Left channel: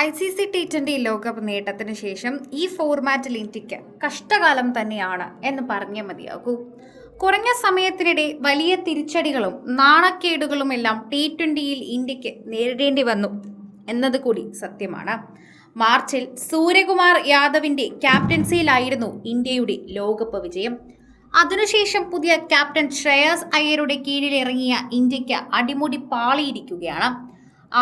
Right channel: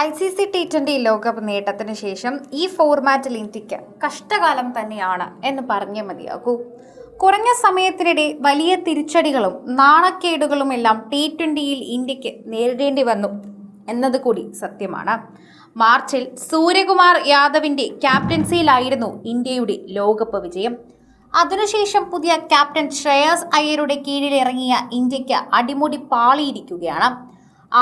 ICC T20 ലോകകപ്പ് നേട്ടത്തിന് ശേഷം ഈ ഫോർമാറ്റിൽ ഇന്ത്യക്ക് കഷ്ടകാലം തന്നെയാണ് എന്ന് പറഞ്ഞേ മതിയാകൂ. കുറഞ്ഞ സമയത്തിനിടെ വലിയ തിരിച്ചടികളും നാണക്കേടുകളുമെല്ലാം T20യിൽ ഇന്ത്യക്ക് നേരിടേണ്ടി വന്നു എന്നത് കൂടി സത്യമാണ്. മാർച്ചിൽ സൂര്യകുമാർ യാദവിന്റെ ക്യാപ്റ്റൻസിയിലായിരുന്നു ഇന്ത്യയുടെ ലോകകപ്പ് വിജയം. അതിനുശേഷം പുതിയ ക്യാപ്റ്റൻ ശ്രേയസ് അയ്യരുടെ കീഴിലിറങ്ങിയ ഇന്ത്യക്ക് അടിമുടി പാളിയിരിക്കുകയാണ്.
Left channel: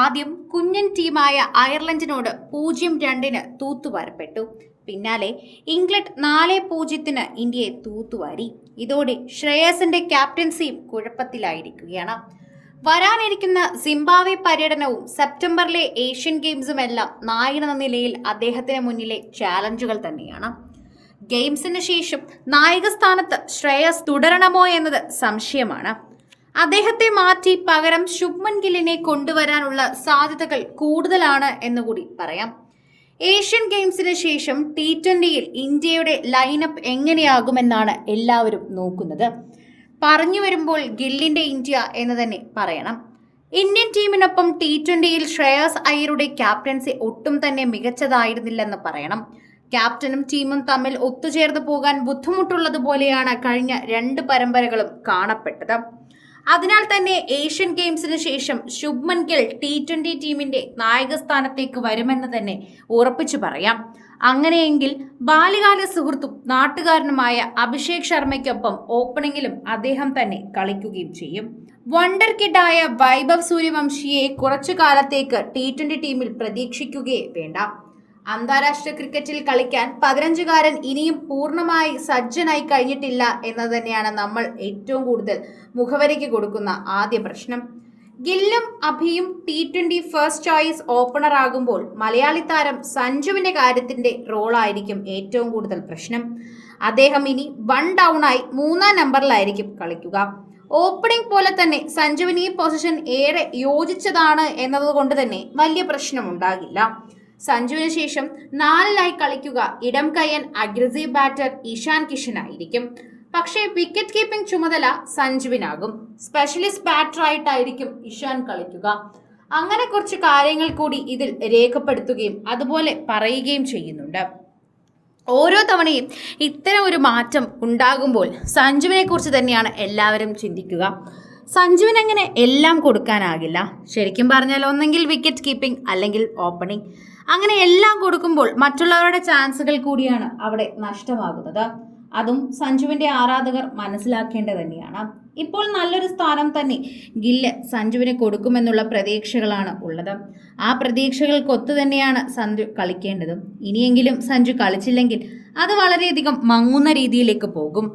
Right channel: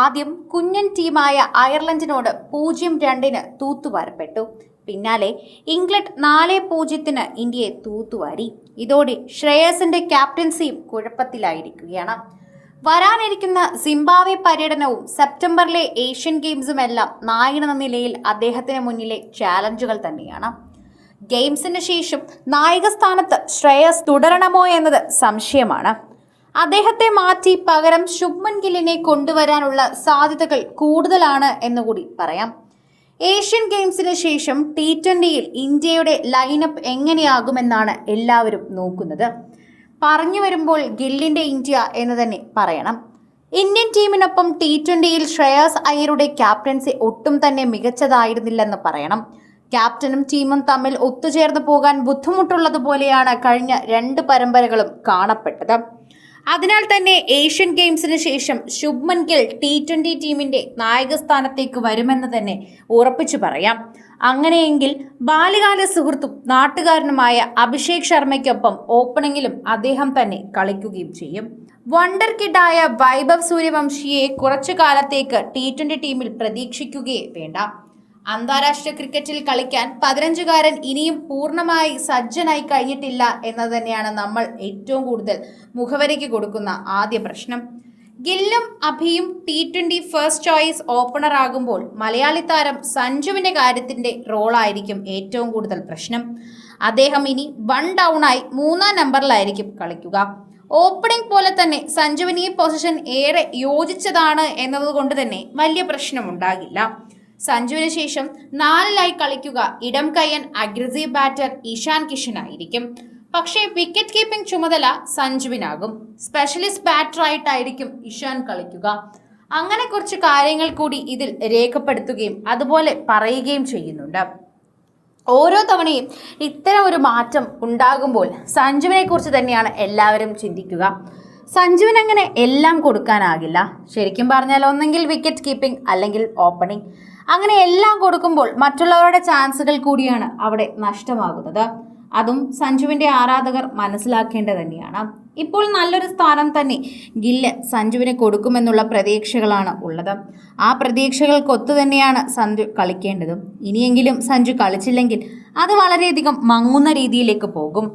ആദ്യം കുഞ്ഞൻ ടീമായ അയർലൻഡിനോട് 0-2 തൂത്തുവാരപ്പെട്ടു. പിന്നാലെ ഇംഗ്ലണ്ട് 4-0 ഇന്ത്യയെ തൂത്തുവാരി. ഇതോടെ ശ്രേയസിന്റെ ക്യാപ്റ്റൻസിയും കുഴപ്പത്തിലായിരിക്കുകയാണ്. വരാനിരിക്കുന്ന സിംബാബ്വെ പര്യടനവും സെപ്റ്റംബറിലെ ഏഷ്യൻ ഗെയിംസുമെല്ലാം നായകനെന്ന നിലയിൽ അദ്ദേഹത്തിന് മുന്നിലെ ചാലഞ്ചുകൾ തന്നെയാണ്. ഗെയിംസിന് ശേഷം നായക സ്ഥാനത്ത് ശ്രേയസ് തുടരണമോ എന്നത് സംശയമാണ്. അദ്ദേഹത്തെ മാറ്റി പകരം ശുഭ്മൻ ഗില്ലിനെ കൊണ്ടുവരാനുള്ള സാധ്യതകൾ കൂടുതലാണ് എന്നുകൂടി പറയാം. ഏഷ്യൻ ഗെയിംസിന് ശേഷം T20യിൽ ഇന്ത്യയുടെ ലൈനപ്പ് എങ്ങനെയാകുമെന്നാണ് എല്ലാവരും നോക്കുന്നത്. പറഞ്ഞു വരുമ്പോൾ ഗില്ലിന്റെ ഇന്ത്യ എന്ന് തന്നെ പറയണം. ഇന്ത്യൻ ടീമിനൊപ്പം T20യിൽ ശ്രേയസ് അയ്യരുടെ ക്യാപ്റ്റൻസി ഒട്ടും തന്നെ മികച്ചതായിരുന്നില്ലെന്ന് പറയണം. ക്യാപ്റ്റനും ടീമും തമ്മിൽ ഒത്തുചേർന്ന് പോകാൻ ബുദ്ധിമുട്ടുള്ളതുപോലെയാണ് കഴിഞ്ഞ 2 പരമ്പരകളും കാണപ്പെട്ടത്. അതിനാൽ തന്നെ ഏഷ്യൻ ഗെയിംസിന് ശേഷം ശുഭ്മൻ ഗിൽ T20 ടീമിന്റെ നായകസ്ഥാനത്തേക്ക് വരുമെന്ന് തന്നെ ഉറപ്പിച്ചു പറയാം. അങ്ങനെയെങ്കിൽ ബാല്യകാല സുഹൃത്തും നാട്ടുകാരനുമായ അഭിഷേക് ശർമ്മയ്ക്കൊപ്പം ഓപ്പണിംഗിലും അദ്ദേഹം തന്നെ കളിക്കുകയും ചെയ്യും. വണ്ടർ കിഡായ വൈഭവ് സൂര്യവംശിയെ കുറച്ചു കാലത്തേക്ക് T20 ടീമിൽ പ്രതീക്ഷിക്കുകയേ വേണ്ട. അന്താരാഷ്ട്ര ക്രിക്കറ്റിൽ കളിക്കാൻ 15കാരൻ ഇനിയും പൂർണ്ണമായി സജ്ജനായി കഴിഞ്ഞിട്ടില്ല എന്നത് തന്നെയാണ് നമ്മൾ ഏറ്റവും കൂടുതൽ മുഖവരിക്ക് കൊടുക്കുന്ന ആദ്യ പ്രശ്നം. ഗില്ലും അഭിയും T20 ഫസ്റ്റ് ചോയ്സ് ഓപ്പണർ ആകുമ്പോൾ മലയാളി താരം സഞ്ജുവിന്റെ കാര്യത്തിന്റെ റോളായിരിക്കും ഏറ്റവും കൂടുതൽ പ്രശ്നം. അദ്ദേഹം ഇനി 1 ഡൗണായി 3-ാം നമ്പറിലായിരിക്കും കളിക്കുക. ഓപ്പണിംഗ് പോലെ തന്നെ സഞ്ജുവിന് ഈ പൊസിഷൻ ഏറെ യോജിച്ചതാണ് എന്നതുകൊണ്ട് തന്നെ വലിയ പ്രശ്നമുണ്ടാകില്ല. സഞ്ജുവിന് ശേഷം 4-ലായി കളിക്കുക ഇടം കയ്യൻ അഗ്രസീവ് ബാറ്റർ ഇഷാൻ കിഷൻ ആയിരിക്കും. പക്ഷേ വിക്കറ്റ് കീപ്പിംഗ് ചുമതല സഞ്ജുവിനാകും. സ്പെഷ്യലിസ്റ്റ് ബാറ്ററായിട്ടായിരിക്കും ഇഷാൻ കളിക്കുക. അങ്ങനെ കുറച്ച് കാര്യങ്ങൾ കൂടി ഇതിൽ രേഖപ്പെടുത്തുകയും അതുപോലെ പറയുകയും ചെയ്യുന്നുണ്ട്. ഓരോ തവണയും ഇത്തരം ഒരു മാറ്റം ഉണ്ടാകുമ്പോൾ സഞ്ജുവിനെ കുറിച്ച് തന്നെയാണ് എല്ലാവരും ചിന്തിക്കുക. സഞ്ജുവിന് അങ്ങനെ എല്ലാം കൊടുക്കാനാകില്ല. ശരിക്കും പറഞ്ഞാൽ ഒന്നെങ്കിൽ വിക്കറ്റ് കീപ്പിംഗ് അല്ലെങ്കിൽ ഓപ്പണിംഗ്, അങ്ങനെ എല്ലാം കൊടുക്കുമ്പോൾ മറ്റുള്ളവരുടെ ചാൻസുകൾ കൂടിയാണ് അവിടെ നഷ്ടമാകുന്നത്. അതും സഞ്ജുവിന്റെ ആരാധകർ മനസ്സിലാക്കേണ്ടത് തന്നെയാണ്. ഇപ്പോൾ നല്ലൊരു സ്ഥാനം തന്നെ ഗില്ല് സഞ്ജുവിന് കൊടുക്കുമെന്നുള്ള പ്രതീക്ഷകളാണ് ഉള്ളത്. ആ പ്രതീക്ഷകൾക്കൊത്തു തന്നെയാണ് സഞ്ജു കളിക്കേണ്ടതും. ഇനിയെങ്കിലും സഞ്ജു കളിച്ചില്ലെങ്കിൽ അത് വളരെയധികം മങ്ങുന്ന രീതിയിലേക്ക് പോകും.